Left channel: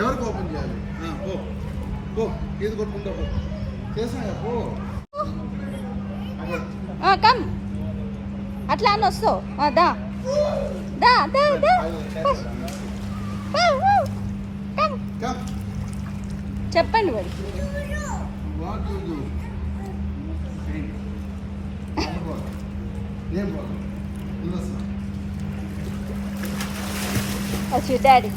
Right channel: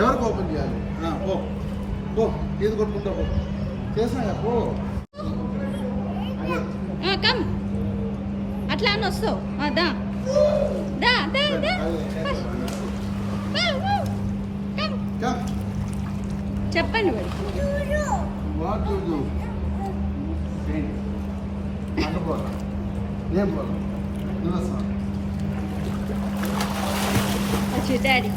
ఎవరికి ఓపెన్ చేయాలి? పో పో, ఇది కొట్టుకుంటా పో. చేసినా పో. కమ్ అట్లా అని వస్తావు. దా దా దా దా. చెప్పండి మరి. What to do? అటు పోరా. ఏం పోరా? అచ్చు డాడీ.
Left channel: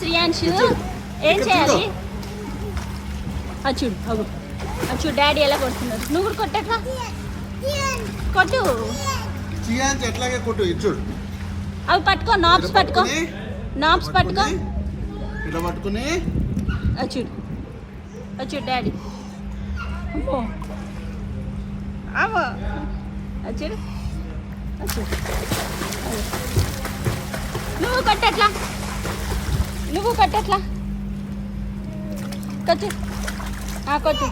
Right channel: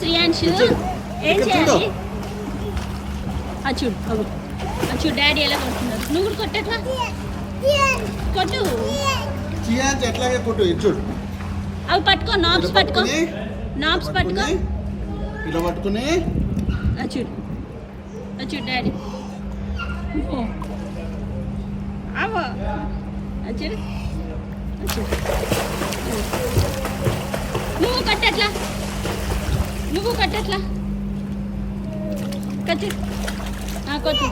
శ్రీయాంశు ఏం చేయాలి? చూడు అవు అచ్చు డాడీ ఎలా కొడుతున్నాడు. నువ్వు కూడా కొట్టట్లా? కొట్టు. శ్రీయాంశ్ ఎట్లాగే కొట్టు. చూడు అవి పట్టుకో. నాబ్స్ పట్టుకో. నాబ్స్ పట్టుకో. ఇలా పట్టుకుని చూడు అచ్చు డాడీ. చూడు అచ్చు. నువ్వు కొట్టట్లా? నువ్వు కొట్టట్లా? కొట్టు. కొట్టు.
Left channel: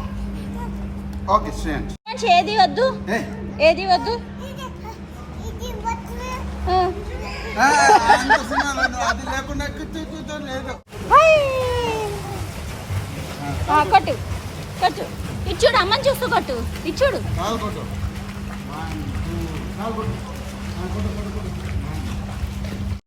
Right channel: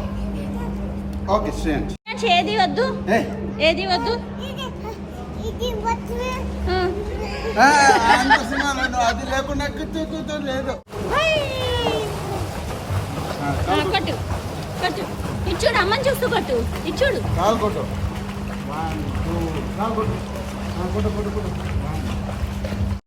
ఓకే శ్రీయాంశ్. ఏది వద్దు? ఏది వద్దు? అది లేకుండా లేదు. కొట్టు కొట్టు. ఇచ్చుడు అమ్మ చూస్తూ కొట్టు. ఇచ్చుడు కాలు కొట్టు. కొట్టు కొట్టు కొట్టు.